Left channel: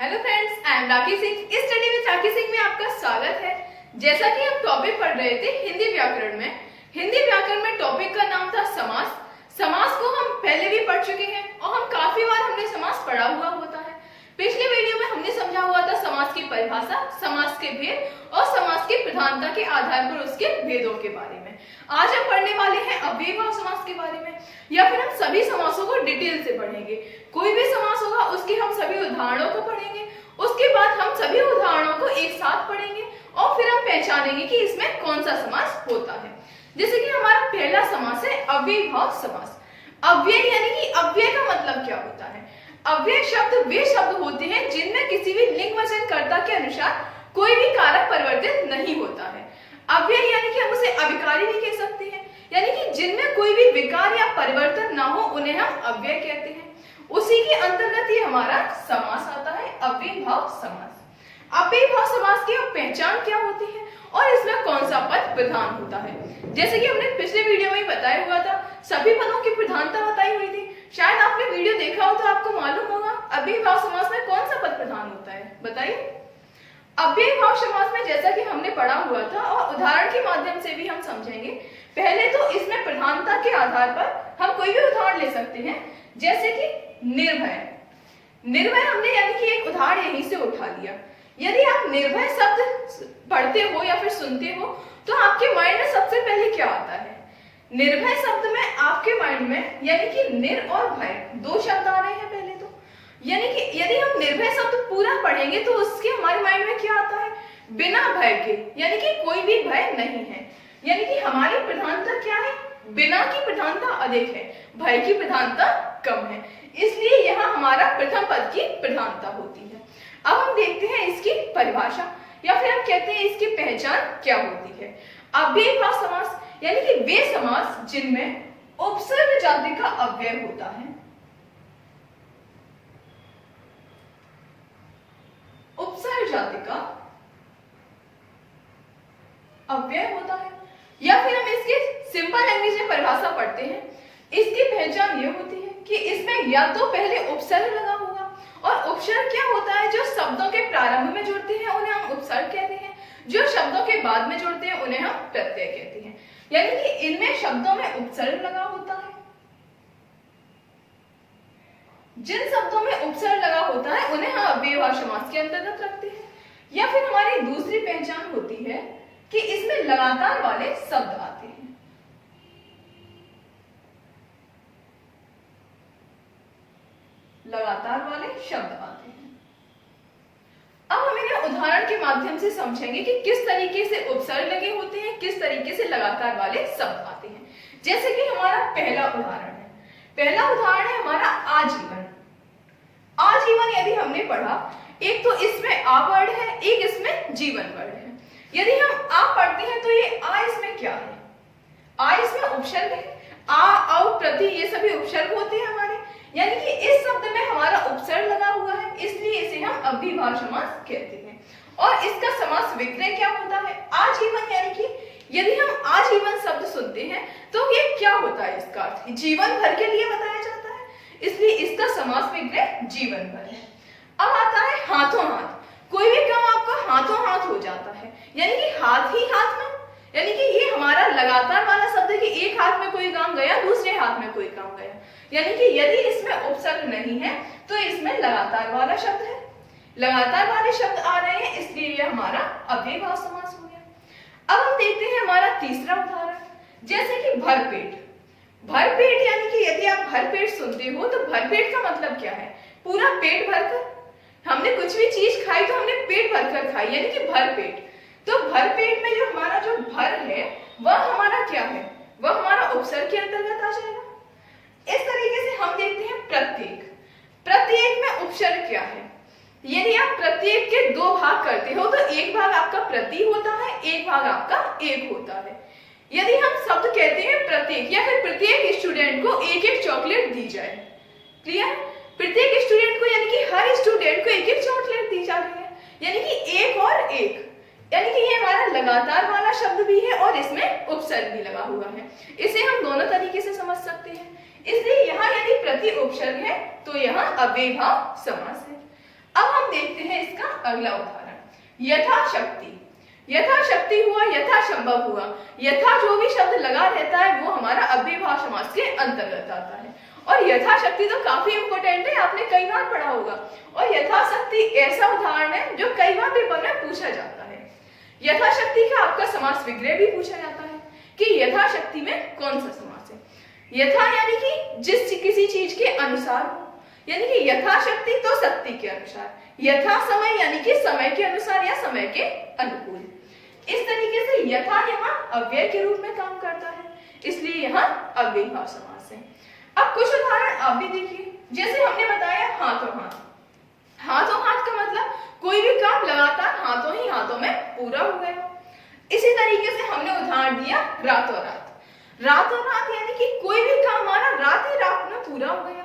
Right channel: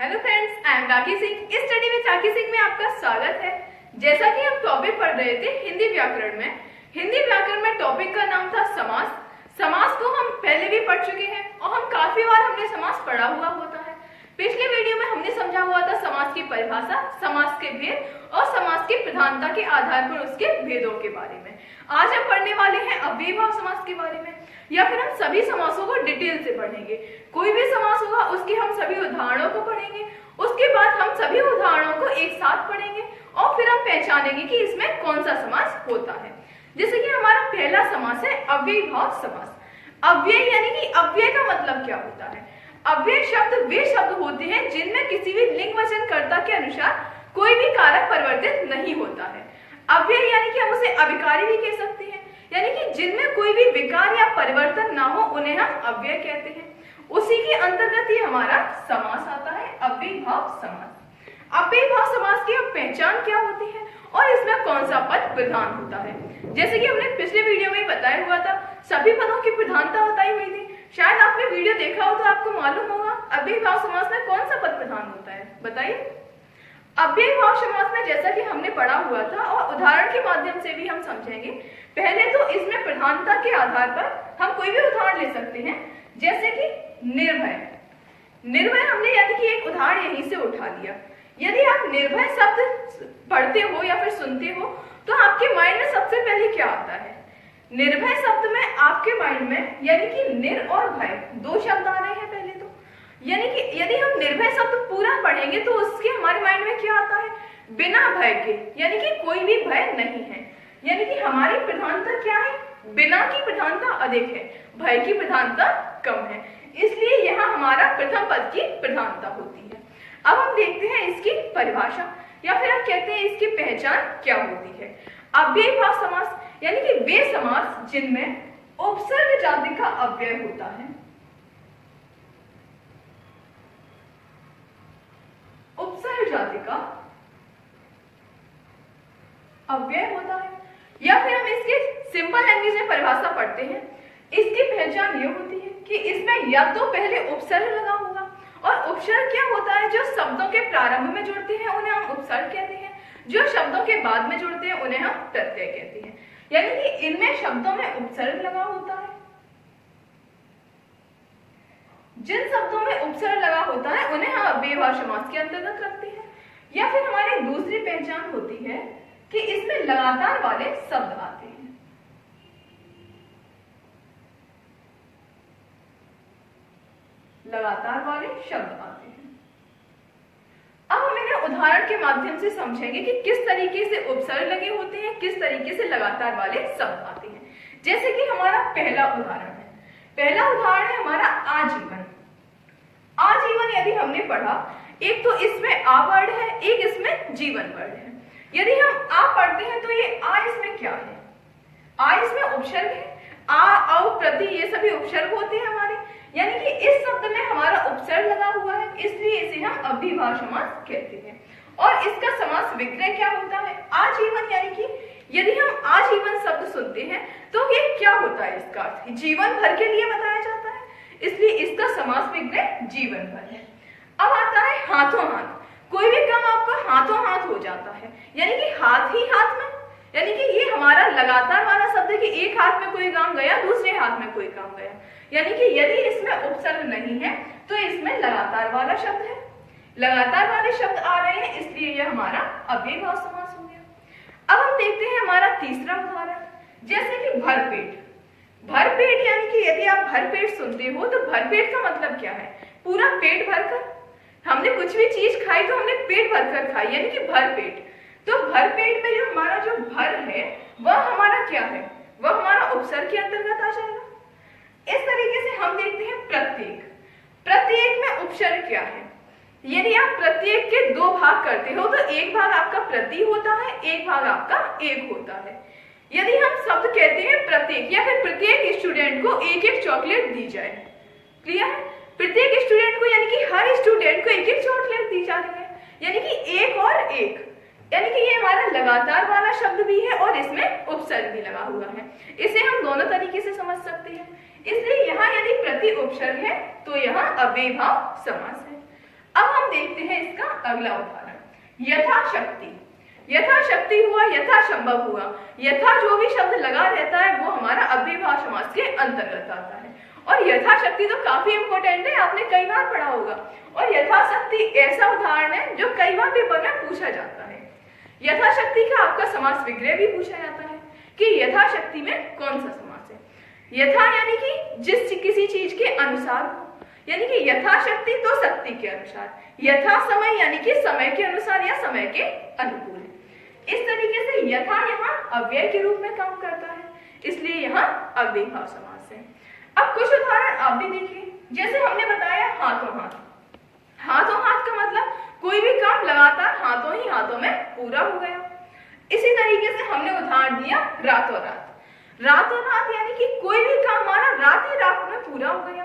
Hello friends, I am राखी सिंह। इस study में राखी सिंह में आपका स्वागत है। जैसा कि हम टॉपिक पढ़ रहे थे हिंदी व्याकरण में टॉपिक का नाम था समास। समास को हम पहले भी पढ़ चुके हैं और हम काफी बार हमने समास पढ़ा हुआ होता है। पिछले वीडियो में हमने समझा हुआ था समास की परिभाषा, समास के भेद और समास की प्रधानता के आधार पर उसके भेदों के बारे में। आज हम पढ़ने वाले हैं अव्ययीभाव समास के बारे में, या फिर हम सभी समासों को डिटेल से पढ़ेंगे। कोई भी समास होगा उसके हम सभी उदाहरणों को पढ़ेंगे, उसके बाद हम सभी उदाहरणों को एक साथ पढ़ेंगे और फिर हम पहचानेंगे कि इसमें कौन सा समास होता है। जैसे कि हमारा पहला समास है अव्ययीभाव समास। अव्यय यानी कि अव्यय का मतलब क्या होता है? अव्यय शब्द वे शब्द होते हैं जिनमें किसी भी लिंग वचन कर्ता के अनुसार कोई भी कारक परिवर्तित नहीं होता है। अव्यय यानी कि हम उसे अविकारी भी कह सकते हैं, यानी कि जिनमें कोई भी विकार या परिवर्तन ना हो उन्हें हम अव्यय कहते हैं। उसी के अंतर्गत ये हमारा समास आता है, अव्ययीभाव समास। अव्ययीभाव समास की पहचान क्या होती है और इसमें कौन सा पद प्रधान होता है? जैसे कि हमने पिछले वीडियो में ही बताया हुआ था, सभी पदों की प्रधानता बताई हुई थी। शायद आपने वीडियो देखा हो तो आपको मालूम होगा अव्ययीभाव समास में कौन सा पद प्रधान होता है, बताइए। अव्ययीभाव समास में जैसा कि हमने पढ़ा हुआ था और उदाहरण के माध्यम से भी हम समझेंगे। पहले तो इसमें प्रधानता के आधार पर हम कोई भी उदाहरण ले सकते हैं, जैसे कि निर्भय। निर्भय हमने यानी कि एक उदाहरण यहीं से उठा लिया। यदि आप निर्भय शब्द पढ़ते हो या फिर सुनते हो तो आपके माइंड में सबसे पहले क्या आता है? निर्भय शब्द में आपके माइंड में यानी कि निर और भय दो शब्द आ रहे हैं पहले तो। यानी कि यदि हम निर्भय शब्द पूरा पढ़ेंगे तो उसके हमारे माइंड में क्या आता है? बिना भय के, यानी कि कोई भी भय नहीं है। यानी कि हमारी प्रधानता क्या है? बिना की प्रधानता अधिक है, भय की प्रधानता कम है, इसलिए यहाँ हमारा प्रथम पद की प्रधानता होती है। अब हम देखते हैं इसकी परिभाषा या फिर हम कहते हैं इसकी पहचान क्या होती है। अव्ययीभाव समास यानी कि वे समास जिनमें उपसर्ग जाति का अव्यय होता है। उपसर्ग जाति का अव्यय होता है, या फिर हम इसकी सिंपल लैंग्वेज में परिभाषा पढ़ते हैं। इसकी पहचान ये होती है कि इसमें या तो पहले उपसर्ग लगा होगा, और उपसर्ग क्या होता है? जो शब्दों के प्रारंभ में जुड़ते हैं उन्हें हम उपसर्ग कहते हैं, जो शब्दों के बाद में जुड़ते हैं उन्हें हम प्रत्यय कहते हैं। यानी कि इनमें शब्दों में उपसर्ग लगा होता है। जिन शब्दों में उपसर्ग लगा होता है उन्हें हम अव्ययीभाव समास के अंतर्गत रखते हैं। या फिर हमारी दूसरी पहचान होती है कि इसमें लगातार वाले शब्द आते हैं। लगातार वाले शब्द आते हैं। अब हम इन्हें उदाहरण के माध्यम से समझेंगे कि किस तरीके से उपसर्ग लगे होते हैं, किस तरीके से लगातार वाले शब्द आते हैं। जैसे कि हमारा पहला उदाहरण है, पहला उदाहरण है हमारा आजीवन। आजीवन यदि हमने पढ़ा, एक तो इसमें आ वर्ड है, एक इसमें जीवन वर्ड है। यदि हम आ पढ़ते हैं तो ये आ इसमें क्या है? आ इसमें उपसर्ग है। आ, औ, प्रति ये सभी उपसर्ग होते हैं हमारे, यानी कि इस शब्द में हमारा उपसर्ग लगा हुआ है, इसलिए इसे हम अव्ययीभाव समास कहते हैं। और इसका समास विग्रह क्या होता है? आजीवन यानी कि यदि हम आजीवन शब्द सुनते हैं तो ये क्या होता है? इसका अर्थ जीवन भर के लिए बताया जाता है, इसलिए इसका समास विग्रह जीवन भर है। अब आता है हाथों हाथ। कोई भी काम आपका हाथों हाथ हो जाता है, यानी कि हाथ ही हाथ में, यानी कि ये हमारा लगातार वाला शब्द है कि एक हाथ में कोई काम गया, दूसरे हाथ में कोई काम गया। यानी कि यदि इसमें उपसर्ग नहीं है तो इसमें लगातार वाला शब्द है। लगातार वाले शब्द आ रहे हैं, इसलिए ये हमारा अव्ययीभाव समास हो गया। अब हम देखते हैं हमारा तीसरा उदाहरण, जैसे कि भरपेट। भरपेट यानी कि यदि आप भरपेट सुनते हो तो भरपेट का मतलब क्या है? पूरा पेट भरकर। हमने कुछ भी चीज खाई तो हमने पेट भरकर खाई, यानी कि भरपेट। तो भरपेट में जो हमारा जो भर है वह हमारा क्या है? वह हमारा उपसर्ग के अंतर्गत आ जाएगा। इस तरीके से हम देखते हैं प्रत्येक। प्रत्येक में उपसर्ग क्या है? यदि आप प्रत्येक के दो भाग करते हो तो एक भाग आपका प्रति होता है, एक भाग आपका एक होता है। यदि हम शब्द कहते हैं प्रत्येक, या फिर प्रत्येक स्टूडेंट को एक एक चॉकलेट दी जाए, क्लियर? प्रत्येक स्टूडेंट को यानी कि हर स्टूडेंट को एक एक चॉकलेट दी जा रही है, यानी कि एक और एक, यानी कि ये हमारा लगातार वाला शब्द भी है और इसमें उपसर्ग भी लगा हुआ है। इसे हम दोनों तरीके से समझ सकते हैं। इसलिए यहाँ यदि प्रति उपसर्ग है तो यहाँ अव्ययीभाव समास है। अब हम देखते हैं इसका अगला उदाहरण, यथाशक्ति। यथाशक्ति हुआ, यथासंभव हुआ। यथा जो भी शब्द लगा रहता है वो हमारा अव्ययभाव समास के अंतर्गत आता है। और यथाशक्ति तो काफी इंपॉर्टेंट है, आपने कई बार पढ़ा होगा। और यथाशक्ति ऐसा उदाहरण है जो कई बार पेपर में पूछा जाता है। यथाशक्ति का आपका समास विग्रह भी पूछा जाता है कि यथाशक्ति में कौन सा समास है। यथा यानी कि जिस किसी चीज के अनुसार हो, यानी कि यथाशक्ति तो शक्ति के अनुसार। यथा समय यानी कि समय के अनुसार या समय के अनुकूल। इस तरीके से यथा यहाँ अव्यय के रूप में काम करता है, इसलिए यहाँ अव्ययभाव समास है। अब कुछ उदाहरण आप भी देखिए, जैसे हमने बताया हाथों हाथ। हाथों हाथ का मतलब कोई भी काम लगातार हाथों ही हाथों में पूरा हो गया। इसी तरीके से हमने उदाहरण दिया रातों रात। रातों रात यानी कि कोई भी काम हमारा रात ही रात में पूरा हो गया।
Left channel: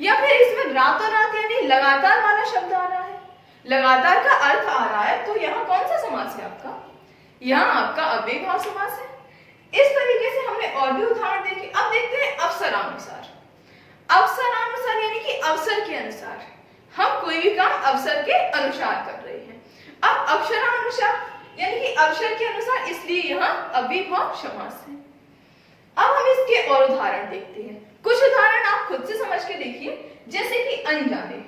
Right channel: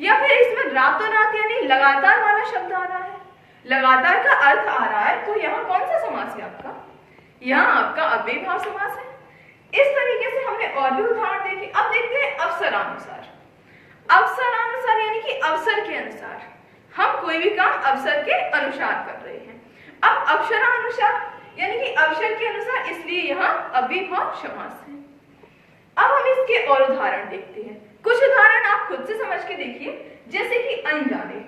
या फिर इसमें रातों रात यानी लगातार वाला शब्द आ रहा है, लगातार का अर्थ आ रहा है, तो यहाँ कौन सा समास है आपका? यहाँ आपका अव्ययभाव समास है। इस तरीके से हमने और भी उदाहरण देखे। अब देखते हैं अवसरानुसार। अवसरानुसार यानी कि अवसर के अनुसार, हम कोई भी काम अवसर के अनुसार कर रहे हैं। अब अक्षरानुसार यानी कि अवसर के अनुसार, इसलिए यहाँ अव्ययभाव समास है। अब हम इसके और उदाहरण देखते हैं। कुछ उदाहरण आप खुद से समझ के देखिए, जैसे कि अनजाने।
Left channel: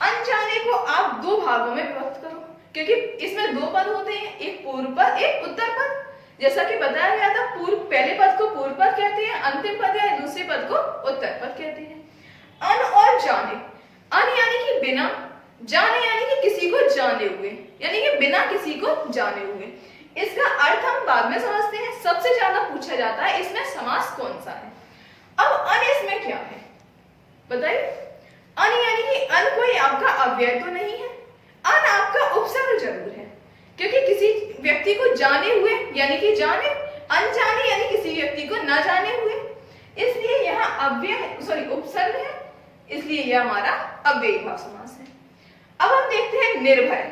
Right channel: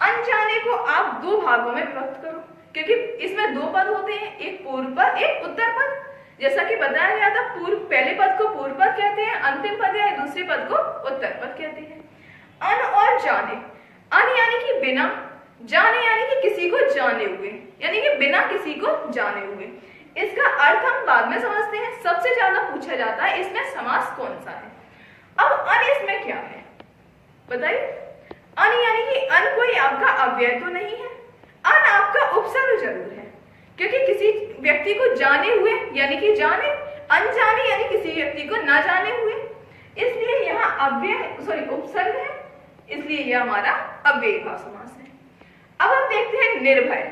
अनजाने को आप दो भागों में विभक्त करो, क्योंकि इसमें दो पद होते हैं, एक पूर्व पद, एक उत्तर पद। जैसा कि बताया गया था, पहले पद को पूर्व पद कहते हैं, अंतिम पद या दूसरे पद को उत्तर पद कहते हैं। अन और जाने। अन यानी कि बिना, जाने यानी कि किसी को जाने हुए, यानी कि बिना किसी को जाने हुए। इसका अर्थ हम बाद में समझते हैं। सबसे ज्यादा पूछा जाता है इसमें समास कौन सा है। अब अन इसमें क्या है बताइए? अन यानी कि अन कोई आपका अव्यय तो नहीं है, अन आपका उपसर्ग जरूर है, क्योंकि किसी व्यक्ति को जाने हुए यानी कि जाने, अनजाने यानी किसी व्यक्ति को न जाने हुए, इसलिए यहाँ अव्यय उपसर्ग है, इसलिए यह हमारा अव्ययभाव समास है। अब हम देखते हैं निर्भय।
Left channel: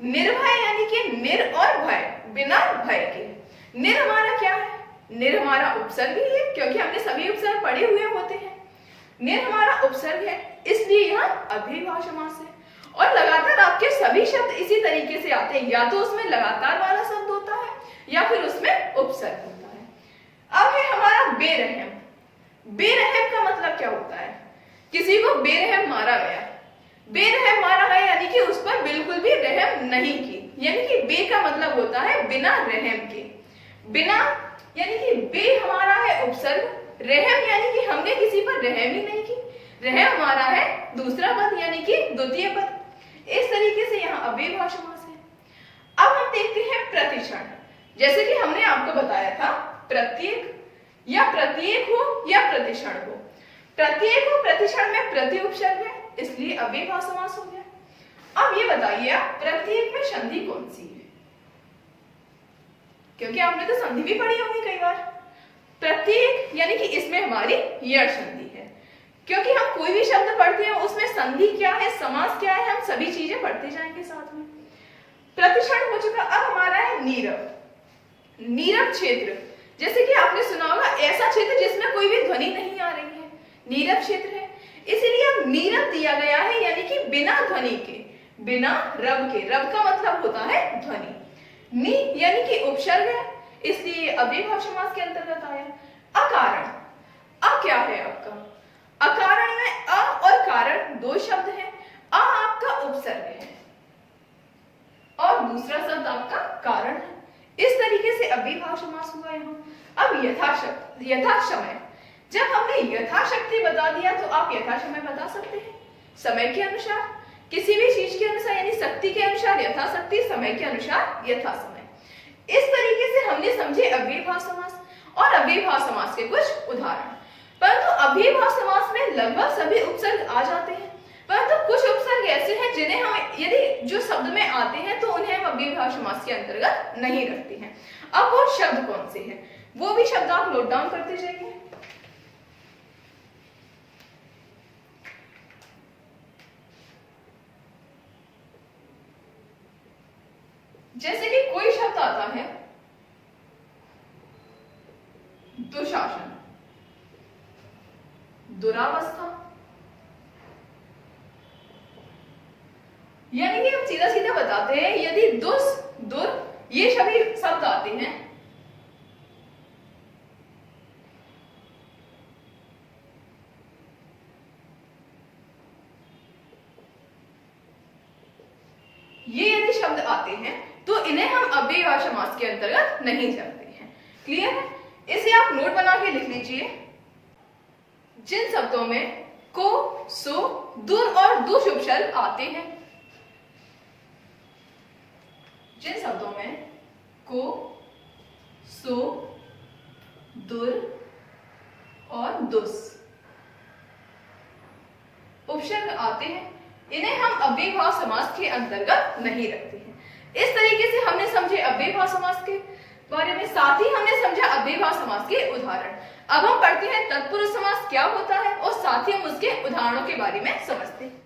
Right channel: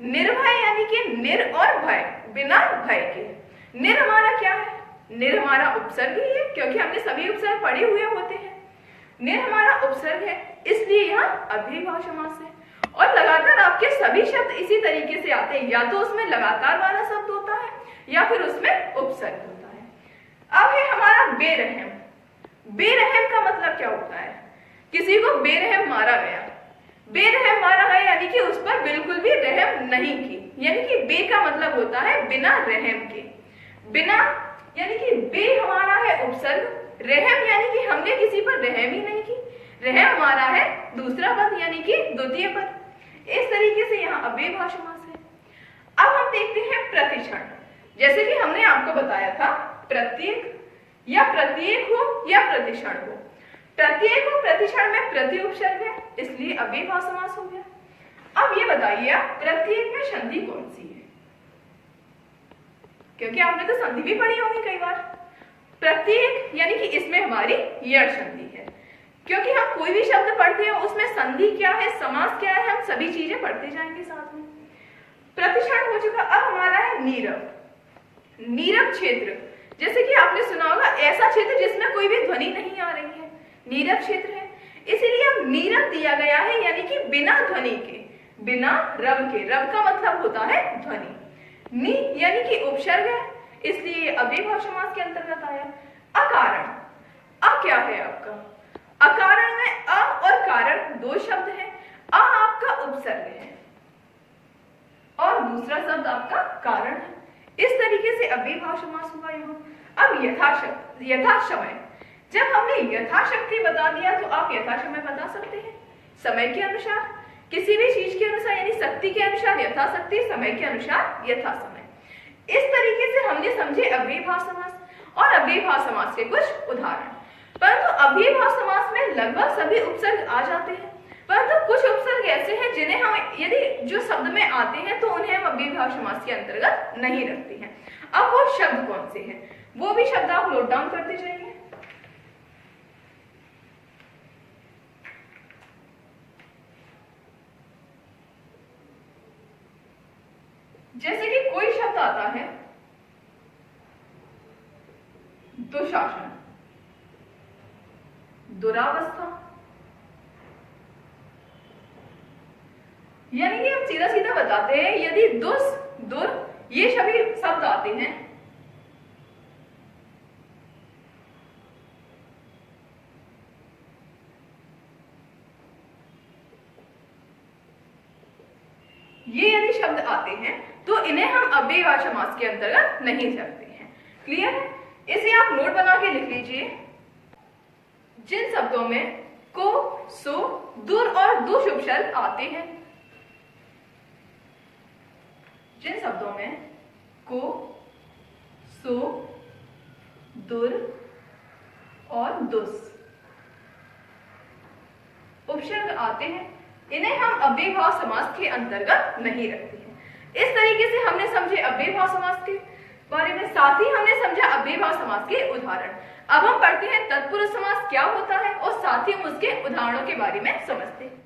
निर्भय यानी कि निर और भय, बिना भय के। निर हमारा क्या है? निर हमारा उपसर्ग ही है, क्योंकि हमने सभी उपसर्ग पढ़े हुए होते हैं। निर हमारा उपसर्ग है, इसलिए यह अव्ययभाव समास है। और लगातार आपके सभी शब्द इसी तरीके से आते हैं, या तो उसमें लगातार वाला शब्द होता है या फिर उसमें उपसर्ग होता है। अब है हमारा बेरहम। बेरहम का मतलब क्या होता है? किसी को बेरहम मारा गया। बेरहम मारा गया यानी कि उस पर बिल्कुल भी रहम नहीं की, यानी कि बे का मतलब होता है बिना रहम के। बिना यानी कि बे हमारा है उपसर्ग, रहम यानी कि हमने किसी पर रहम ही नहीं की। रहम हमारा है दूसरा पद यानी कि द्वितीय पद। इस तरीके से यहाँ अव्ययभाव समास है। अब हम देखते हैं प्रतिक्षण। जैसे कि हमने आपको बताया था, प्रत्येक या प्रत्येक हो या प्रतिक्षण हो। प्रत्येक हो प्रतिक्षण में प्रति उपसर्ग है, इसलिए अव्ययभाव समास हो गया। अब ये बताइए आप, प्रत्येक में संधि कौन सी है? क्योंकि आपने तो संधि भी पढ़ी होगी कई बार। प्रत्येक यानी कि इसमें हमारी यण संधि है, क्योंकि हम कोई भी शब्द पढ़ते हैं उसमें संधि क्या है, समास क्या है, हम सभी चीजें पढ़ते जाएंगे साथ में। प्रतिक्षण हो चुका। अब हमारा है नीरव। नीरव क्षेत्र, जैसे कि आपने सुना होगा, ऐसा क्षेत्र जिसमें कोई भी ध्वनि नहीं आ रही है, नीरव क्षेत्र है। इसीलिए अब नीरव दिया गया है, यानी कि बिना ध्वनि के, बिना रव के। रव का मतलब होता है ध्वनि। नी यानी कि उपसर्ग है, इसलिए अव्ययभाव समास के अंतर्गत आया है। अकारण। अ क्या है आपका? अकारण में अ और कारण दो शब्द हैं। अ आपका उपसर्ग है और दूसरा शब्द आपका कारण है। इस तरीके से अव्ययभाव समास हुआ यहाँ। अब यथासमय। जब हमने यथाशक्ति बता दिया तो आप यथासमय बता सकते हैं। समय के अनुसार, किसी भी चीज के अनुसार, यानी शक्ति के अनुसार यथाशक्ति, समय के अनुसार यथासमय। इस तरीके से हमने समझे अव्ययभाव समास और अव्ययभाव समास के कुछ उदाहरण। परंतु अव्ययभाव समास में लगभग सभी उपसर्ग आ जाते हैं, परंतु कुछ उपसर्ग ऐसे हैं जिन्हें हम यदि जो शब्द में आते हैं तो उन्हें हम अव्ययभाव समास के अंतर्गत नहीं रखते हैं। अब वो शब्द कौन से हैं, वो भी शब्द आप नोट डाउन करते जाइए। जैसे कि कोई शब्द आता है दुशासन, दुरावस्था, सीधा सीधा बताते हैं, यदि दुस, दुर ये सभी शब्द आते हैं ये यदि शब्द आते हैं तो इन्हें हम अव्ययभाव समास के अंतर्गत नहीं करते हैं। क्लियर है? इसे आप नोट बना के लिख लीजिए। जिन शब्दों में को, सो, दुर और दु शुभ शब्द आते हैं, जिन शब्दों में को, सो, दुर और दुस उपसर्ग आते हैं, इन्हें हम अव्ययभाव समास के अंतर्गत नहीं रखते हैं। इस तरीके से हमने समझे अव्ययभाव समास के बारे में, साथ ही हमने समझा अव्ययभाव समास के उदाहरण। अब हम पढ़ते हैं तत्पुरुष समास क्या होता है और साथ ही हम उसके उदाहरणों के बारे में समझते हैं।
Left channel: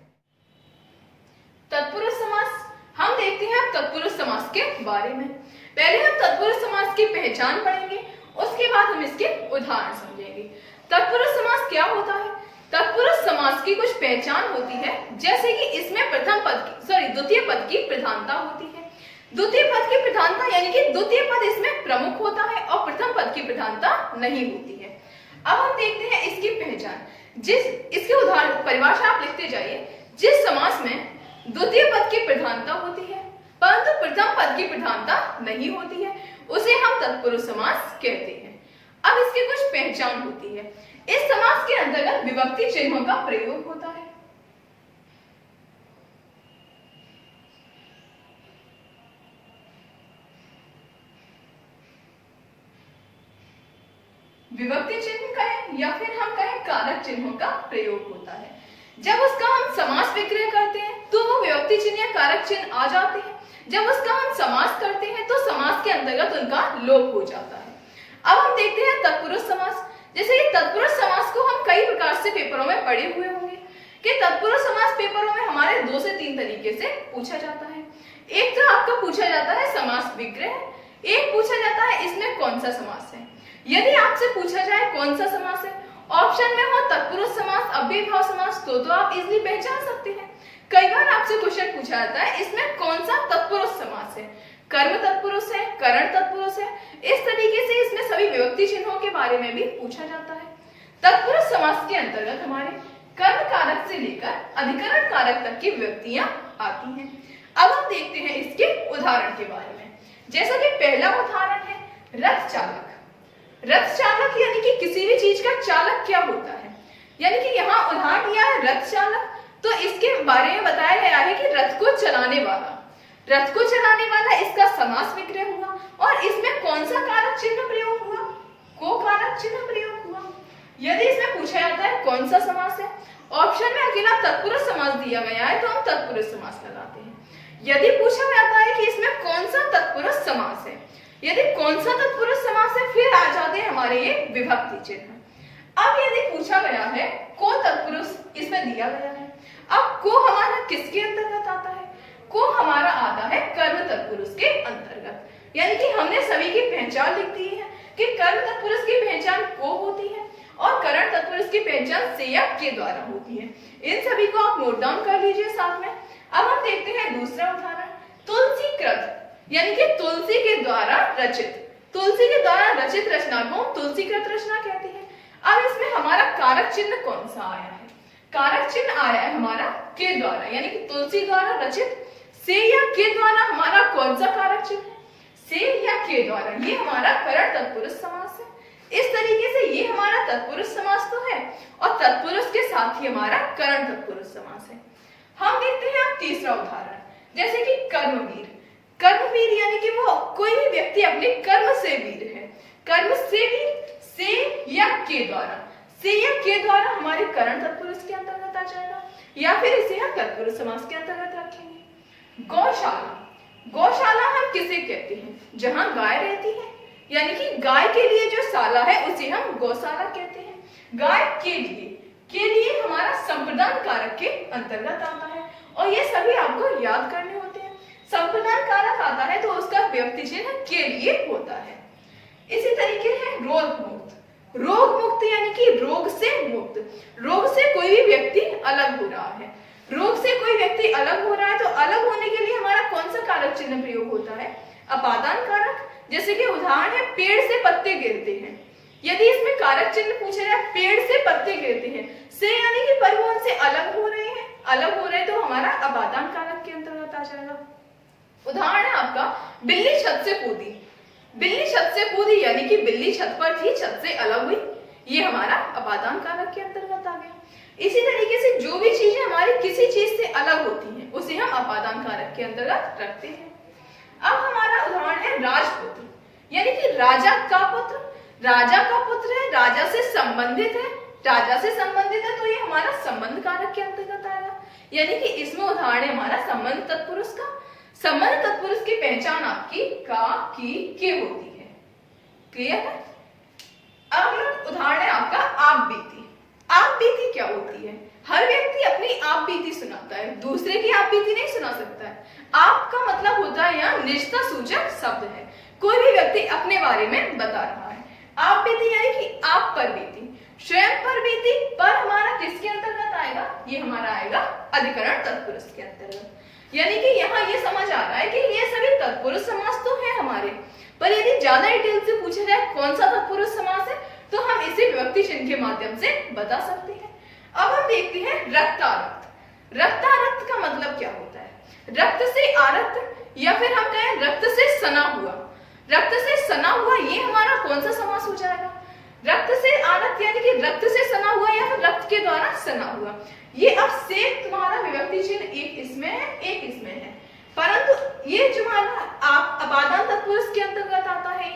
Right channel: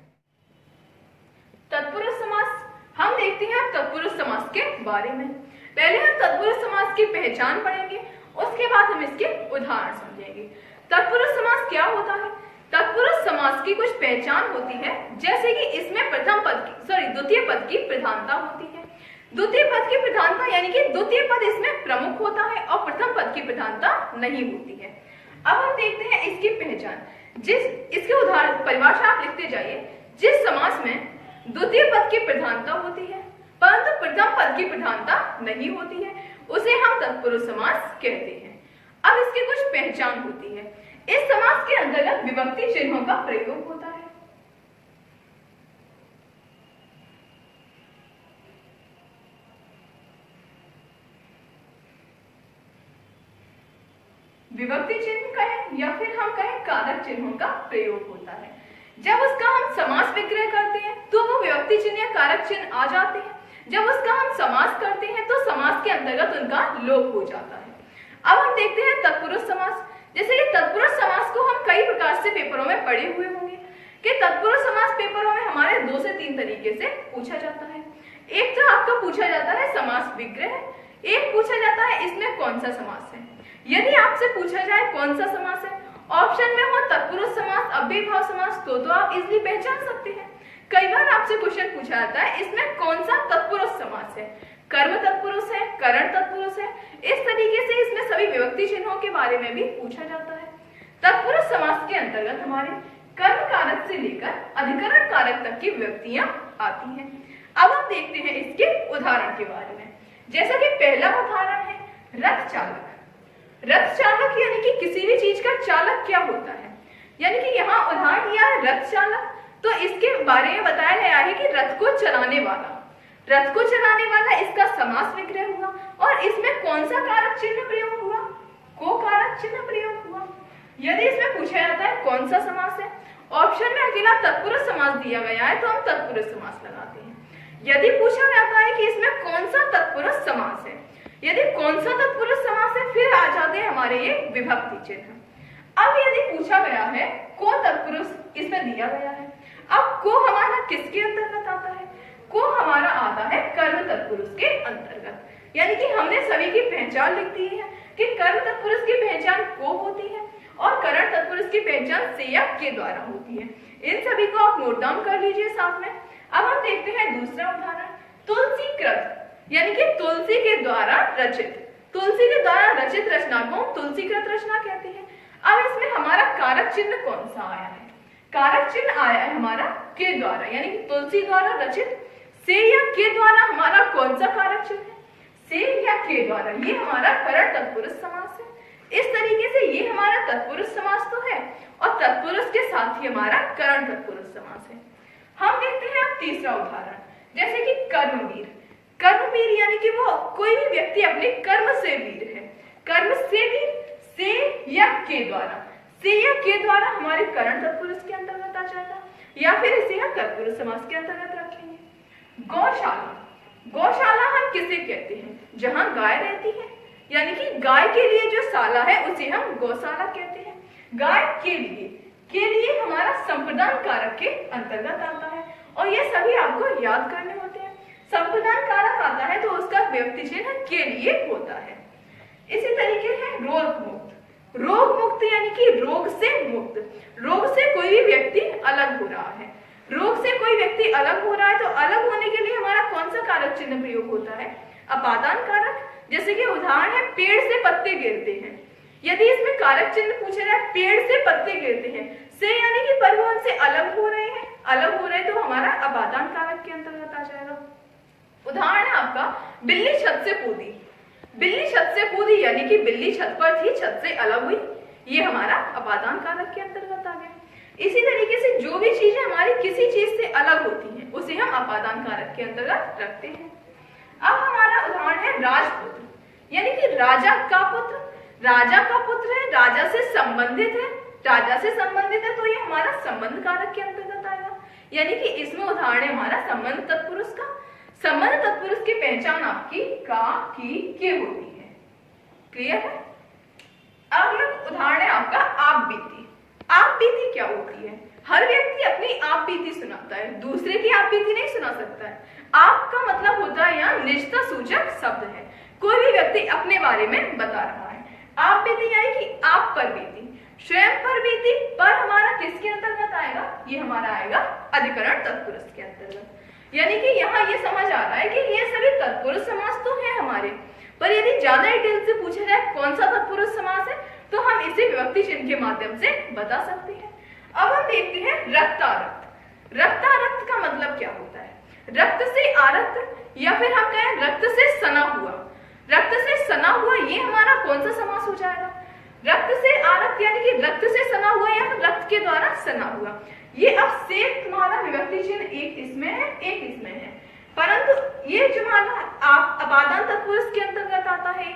तत्पुरुष समास हम देखते हैं तत्पुरुष समास के बारे में। पहले हम तत्पुरुष समास की पहचान पढ़ेंगे, उसके बाद हम इसके उदाहरण समझेंगे। तत्पुरुष समास क्या होता है? तत्पुरुष समास की कुछ पहचान होती है, जैसे कि इसमें द्वितीय पद की प्रधानता होती है। द्वितीय पद की प्रधानता यानी कि द्वितीय पद इसमें प्रमुख होता है और प्रथम पद की प्रधानता नहीं होती है। अब हम देखते हैं इसकी पहचान। इसके उदाहरण परिभाषा आप लिखते जाइए। जिस समास में द्वितीय पद की प्रधानता होती है परंतु प्रथम पद की प्रधानता नहीं होती है, उसे हम तत्पुरुष समास कहते हैं। अब इसकी कुछ पहचान होती है। इस समास के अंतर्गत विभक्ति चिन्हों का प्रयोग होता है। विभक्ति चिन्ह कहें या फिर हम कहें कारक चिन्हों का प्रयोग होता है। जब उसका हम समास विग्रह करते हैं तो वो विभक्ति चिन्ह या कारक चिन्ह आ जाते हैं। जब उसका हम समास करते हैं तो समास के अंतर्गत उनका लोप हो जाता है। अब हम देखते हैं तत्पुरुष समास। जैसे कि तत्पुरुष समास को हम कई प्रकार से पेपरों में पढ़े हुए होंगे कि तत्पुरुष समास पेपरों में हमारे 2 से 3 तरीके से पूछा जाता है। एक तो आपका पूछा जाता है समास विग्रह, एक पूछा जाता है इसमें कौन सा समास है। यदि आपसे पूछा जाए कौन सा समास है, ऑप्शन में हो तत्पुरुष समास, अव्ययभाव समास, तो आप इजीली पहचान सकते हैं। कई बार आपसे क्वेश्चन पूछा जाता है इसमें कौन सा तत्पुरुष समास है, कर्म तत्पुरुष है, करण तत्पुरुष है। इस तरीके से इसमें सभी विभक्ति चिन्हों के बारे में भी पूछा जाता है। तत्पुरुष समास के अंतर्गत हमारे कर्म कारक से लेकर अधिकरण कारक तक की विभक्तियां आती हैं। अब हम देखते हैं इसके उदाहरण के बारे में। जैसा कि पहला उदाहरण है रथ चालक। रथ चालक यानी कि किसी भी चीज का चालक क्या होता है, यानी कि यहाँ उदाहरण दिया है रथ चालक, तो इसके बारे में बताया गया है कि रथ को चलाने वाला। रथ को चलाने वाला इसका समास विग्रह हुआ और इसमें कौन सा कारक चिन्ह प्रयोग हुआ? को कारक चिन्ह प्रयोग हुआ। यदि इसमें पूछा जाता है कौन सा समास है, ऑप्शन में अकेला तत्पुरुष समास दिया गया है तो हम तत्पुरुष समास लगाते हैं। यदि पूछा जाता है कि इसमें कौन सा तत्पुरुष समास है, यदि कौन सा तत्पुरुष समास है, फिर आ जाते हैं हमारे ये विभक्ति चिन्ह। अब यदि पूछा गया है को तत्पुरुष इसमें दिया गया है, अब को हमारा किसके अंतर्गत आता है? को हमारा आता है कर्म तत्पुरुष के अंतर्गत। यानी कि हमने सभी की पहचान लिख दी है कि कर्म तत्पुरुष की पहचान को होती है और करण तत्पुरुष की पहचान से या के द्वारा होती है। इन सभी को आप नोट डाउन कर लीजिए साथ में। अब हम देखते हैं दूसरा उदाहरण तुलसीकृत, यानी कि तुलसी के द्वारा रचित। तुलसी के द्वारा रचित रचना को तुलसीकृत रचना कहते हैं। अब इसमें हमारा कारक चिन्ह कौन सा आया है? कारक चिन्ह आया है हमारा के द्वारा, यानी कि तुलसी द्वारा रचित। से या के द्वारा हमारा कौन सा कारक चिन्ह है? से या के द्वारा, ये हमारा करण तत्पुरुष समास है। इस तरीके से ये हमारा तत्पुरुष समास तो है और तत्पुरुष के साथ ही हमारा करण तत्पुरुष समास है। हम देखते हैं अब तीसरा उदाहरण, जैसे कि कर्मवीर। कर्मवीर यानी कि वो कोई भी व्यक्ति अपने कर्म से वीर है। कर्म से वीर, से या के द्वारा। से या के द्वारा हमारे करण तत्पुरुष के अंतर्गत आ जाएगा या फिर इसे हम तत्पुरुष समास के अंतर्गत रखेंगे। गौशाला। गौशाला हम किसे कहते हैं? जहां गाय रहती है, यानी कि गाय के लिए जो शाला है उसे हम गौशाला कहते हैं। गाय के लिए हमारा संप्रदान कारक के अंतर्गत आता है और ये सभी आपको याद करने होते हैं। संप्रदान कारक आता है तो उसका विभक्ति चिन्ह के लिए होता है। इसी तरीके से रोग मुक्त। रोग मुक्त यानी कि रोग से मुक्त, रोग से कोई भी व्यक्ति अलग हो रहा है। रोग से कोई व्यक्ति अलग हो रहा है तो अलग होने के लिए हमारा कौन सा कारक चिन्ह प्रयोग होता है? अपादान कारक। जैसे कि उदाहरण है पेड़ से पत्ते गिरते हैं। यदि इसमें कारक चिन्ह पूछा जाए पेड़ से पत्ते गिरते हैं, से यानी कि परिवहन से अलग हो रहे हैं, अलग हो रहे हैं तो हमारा अपादान कारक के अंतर्गत आ जाएगा। उदाहरण है आपका बिल्ली छत से कूदी। बिल्ली छत से कूदी यानी कि बिल्ली छत पर थी, छत से अलग हुई, ये हमारा अपादान कारक के अंतर्गत आ गया। इसी तरीके से जो भी चीजें हमारी किसी चीज से अलग होती हैं उसे हम अपादान कारक के अंतर्गत रखते हैं। अब हमारा उदाहरण है राजपुत्र यानी कि राजा का पुत्र। राजा का पुत्र है, राजा से संबंधित है, राजा से संबंधित है तो ये हमारा संबंध कारक के अंतर्गत आएगा। यानी कि इसमें उदाहरण है हमारा संबंध तत्पुरुष का। संबंध तत्पुरुष की पहचान आपकी का, की, के होती है। क्लियर है? अब उदाहरण है आपका आप बीती। आप बीती क्या होती है? हर व्यक्ति अपनी आप बीती सुनाता है, दूसरे की आप बीती नहीं सुना सकता है। आप का मतलब होता है यहाँ निजता सूचक शब्द है, कोई भी व्यक्ति अपने बारे में बता रहा है। आप बीती यानी कि आप पर बीती, स्वयं पर बीती, पर हमारा किसके अंतर्गत आएगा? ये हमारा आएगा अधिकरण तत्पुरुष के अंतर्गत। यानी कि यहाँ ये समझ आ रहा है कि ये सभी तत्पुरुष समास तो है हमारे, पर यदि ज्यादा डिटेल से पूछा जाए कौन सा तत्पुरुष समास है तो हम इसे विभक्ति चिन्ह के माध्यम से बता सकते हैं। अब हम देखते हैं रक्तारक्त। रक्तारक्त का मतलब क्या होता है? रक्त से आरक्त या फिर हम कहें रक्त से सना हुआ। रक्त से सना हुआ ये हमारा कौन सा समास हो जाएगा? रक्त से आरक्त यानी कि रक्त से सना हुआ या फिर रक्त के द्वारा सना हुआ। ये अब से तुम्हारा विभक्ति चिन्ह एक इसमें है, एक इसमें है, परंतु ये जो हमारा आप अपादान तत्पुरुष के अंतर्गत आता है,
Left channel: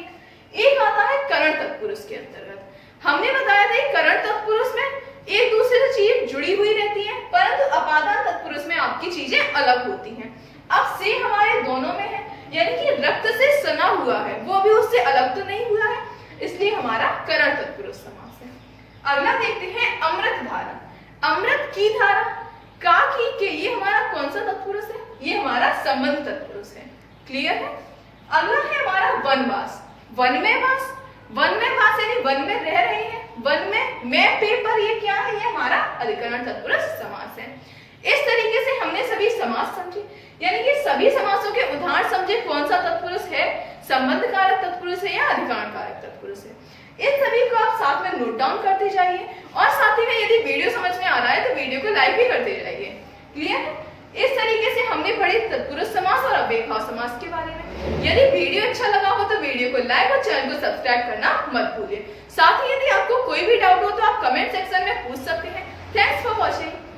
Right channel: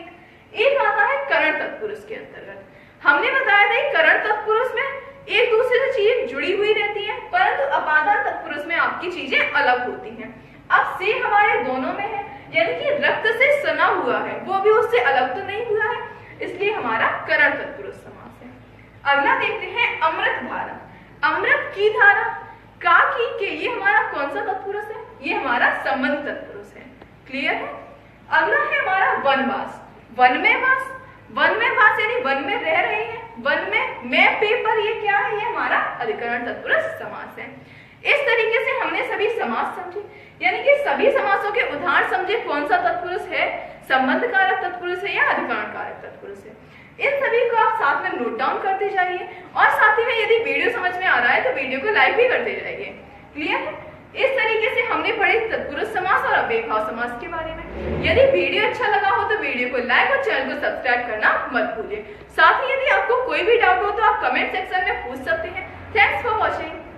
एक आता है करण तत्पुरुष के अंतर्गत। हमने बताया था कि करण तत्पुरुष में एक दूसरे से चीजें जुड़ी हुई रहती हैं, परंतु अपादान तत्पुरुष में आपकी चीजें अलग होती हैं। अब से हमारे दोनों में है, यानी कि रक्त से सना हुआ है, वो भी उससे अलग तो नहीं हुआ है, इसलिए हमारा करण तत्पुरुष समास है। अगला देखते हैं अमृत धारा। अमृत की धारा, का, की, के, ये हमारा कौन सा तत्पुरुष है? ये हमारा संबंध तत्पुरुष है। क्लियर है? अगला है हमारा वनवास। वन में वास, वन में वास यानी वन में रह रही है, वन में मैं पेपर, ये क्या है? ये हमारा अधिकरण तत्पुरुष समास है। इस तरीके से हमने सभी समास समझे, यानी कि सभी समासों के उदाहरण समझे कौन सा तत्पुरुष है, संबंध कारक तत्पुरुष है या अधिकरण कारक तत्पुरुष है। इन सभी को आप साथ में नोट डाउन करते जाइए और साथ ही में यदि वीडियो समझ में आ रहा है तो वीडियो को लाइक भी करते जाइए। क्लियर है? इस तरीके से हमने पढ़े तत्पुरुष समास और अव्ययभाव समास के बारे में। यदि वीडियो अच्छा लगा हो तो वीडियो को लाइक और चैनल को सब्सक्राइब करना मत भूलिए। साथ ही यदि आपको कोई भी डाउट हो तो आप कमेंट सेक्शन में पूछ सकते हैं। Thanks for watching.